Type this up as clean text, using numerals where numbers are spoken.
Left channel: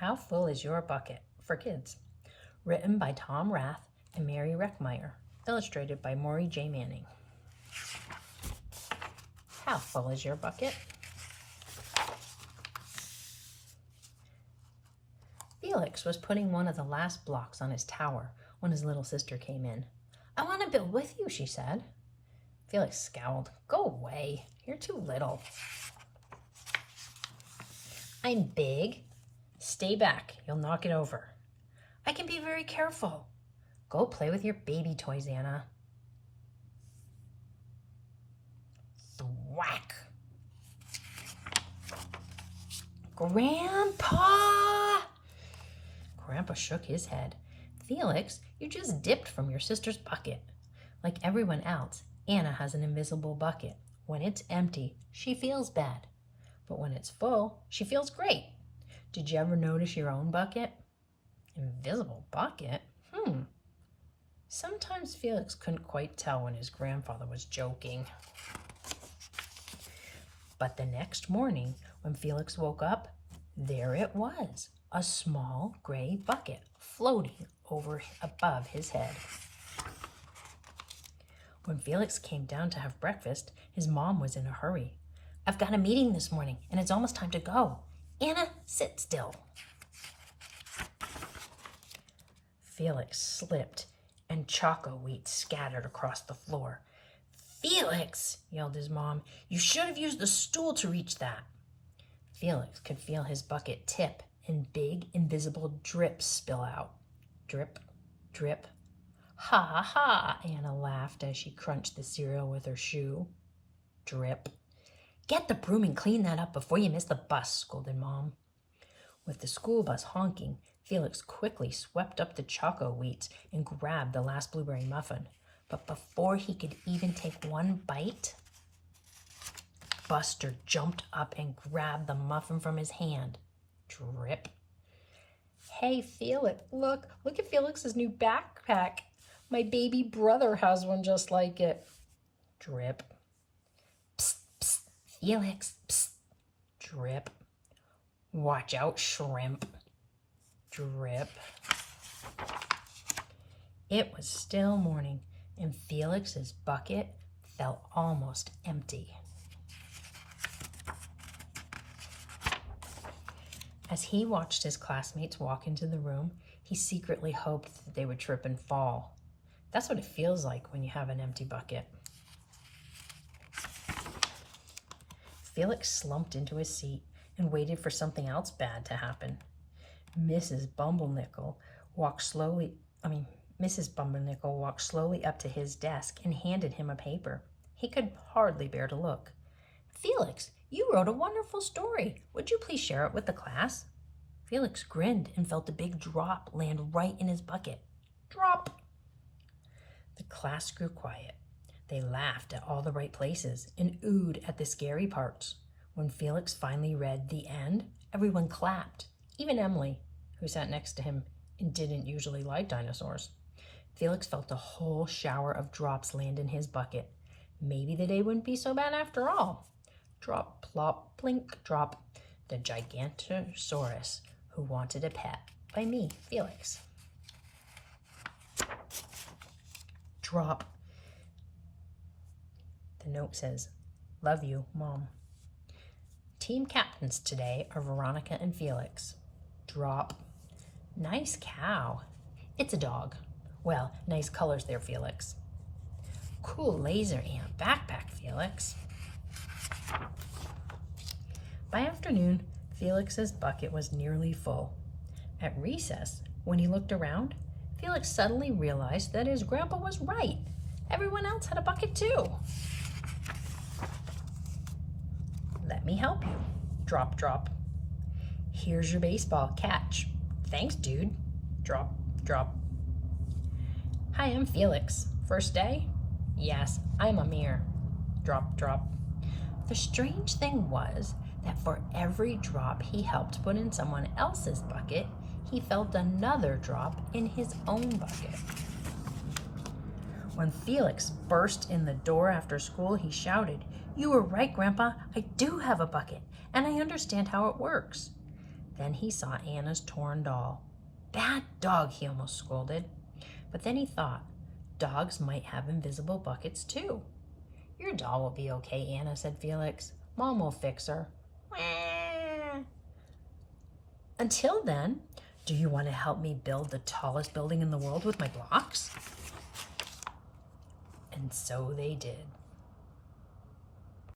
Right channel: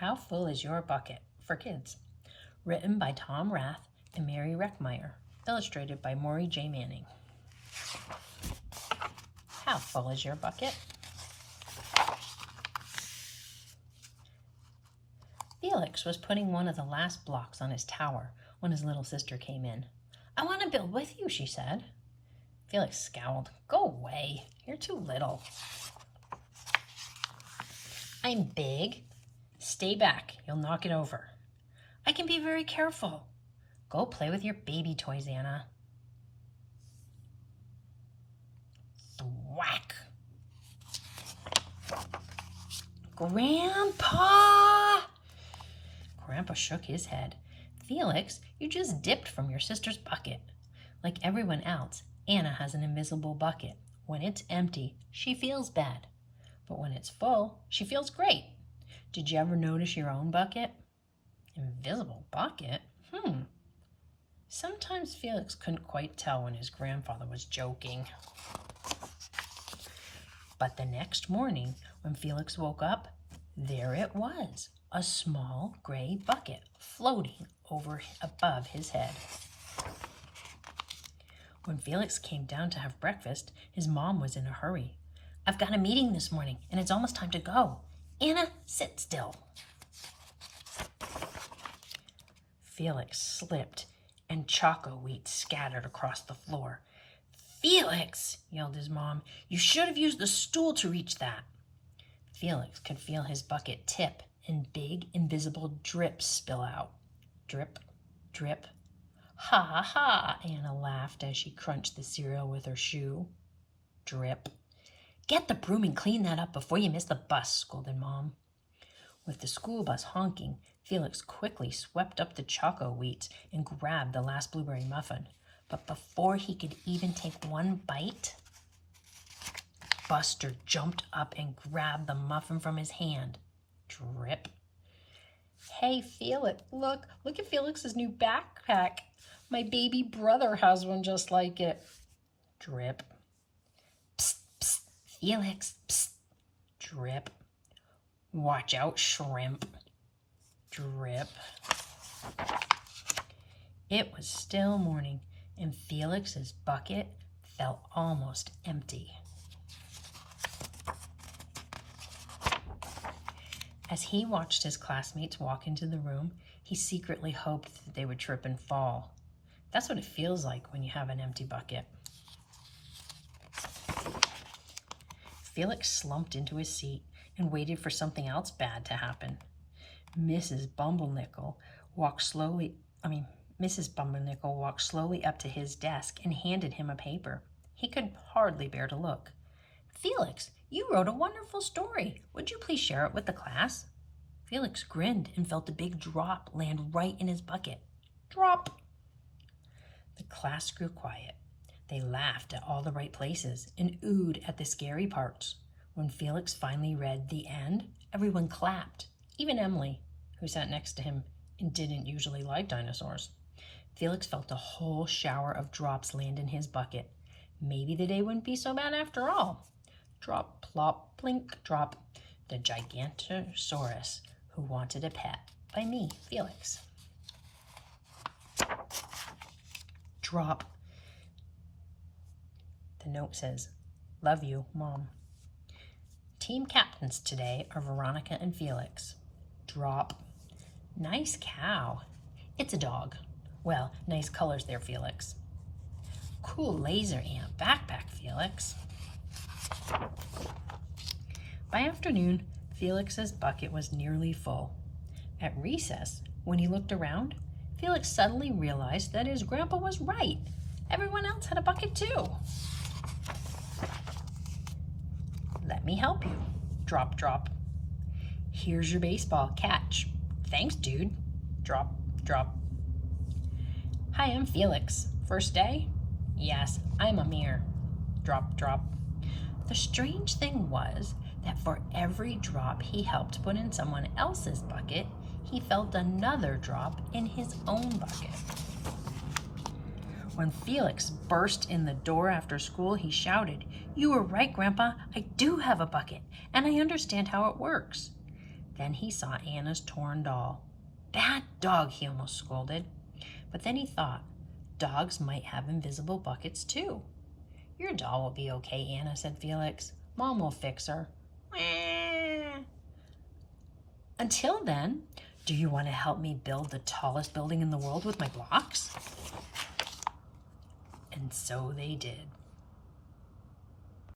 How Full is Your Bucket? For Kids. Written by Tom Rath and Mary Reckmeyer. Illustrated by Maury J. Manning. How full is your bucket? Felix was putting one of the last blocks on his tower when his little sister came in. "I want to build with you," she said. Felix scowled. "Go away. You're too little." "I'm big." "Stay back. You'll knock it over." "I can be very careful." "Go play with your baby toys, Anna." Thwack. "Grandpa!" Grandpa shook his head. "Felix, you just dipped from your sister's bucket." Like everyone else, Anna has an invisible bucket. When it's empty, she feels bad. But when it's full, she feels great. Did you ever notice your own bucket? Invisible bucket? Sometimes Felix couldn't quite tell when his grandfather was joking. But the next morning, when Felix woke up, there it was, a small gray bucket floating above his head. When Felix came down to have breakfast, his mom was in a hurry. "I've got a meeting this morning, and it's almost time to go. Anna, sit still." Felix slipped, and choco wheat scattered across the floor. "Felix," yelled his mom, "you should have used the stool to reach that." Felix could feel his bucket tip and big, invisible drips spill out. Drip, drip. "Ha ha," Anna laughed as she crunched the cereal with her shoe. Drip. "Get the broom and clean that up before you miss the bus," scolded Mom. With the school bus honking, Felix quickly swept up the choco wheats and grabbed the last blueberry muffin. But before he could even take one bite, Buster jumped up and grabbed the muffin from his hand. Drip. "Hey, Felix, look at Felix's new backpack. My baby brother has one just like it." Drip. "Psst, psst, Felix, psst." Drip. "Watch out, shrimp." Drip. It was still morning, and Felix's bucket felt almost empty. As he watched his classmates walk into the room, he secretly hoped that they would trip and fall. That's what it feels like when you have an empty bucket. Felix slumped into his seat and waited for something else bad to happen. Mrs. Bumblenickle walked slowly up to his desk and handed him a paper. He could hardly bear to look. "Felix, you wrote a wonderful story. Would you please share it with the class?" Felix grinned and felt a big drop land right in his bucket. Drop! The class grew quiet. They laughed at all the right places and oohed at the scary parts. When Felix finally read the end, everyone clapped, even Emily, who sat next to him and didn't usually like dinosaurs. Felix felt a whole shower of drops land in his bucket. Maybe the day wouldn't be so bad after all. Drop, plop, blink, drop. The Gigantosaurus Who Wanted a Pet, by me, Felix. Drop. The note says, "Love you, Mom." Team captains today are Veronica and Felix. Drop. Nice cow. It's a dog. Well, nice colors there, Felix. Cool laser ant backpack, Felix. By afternoon, Felix's bucket was nearly full. At recess, when he looked around, Felix suddenly realized that his grandpa was right. Everyone else had a bucket too. "Let me help you." Drop, drop. "Here's your baseball. Catch." "Thanks, dude." Drop, drop. "Hi, I'm Felix. First day?" "Yes, I'm Amir." Drop, drop. The strange thing was that for every drop he helped put in someone else's bucket, he felt another drop in his own bucket. When Felix burst in the door after school, he shouted, "You were right, Grandpa. I do have a bucket, and I understand how it works." Then he saw Anna's torn doll. "Bad dog," he almost scolded. But then he thought, dogs might have invisible buckets too. "Your doll will be okay, Anna," said Felix. "Mom will fix her." Until then, do you want to help me build the tallest building in the world with my blocks? And so they did.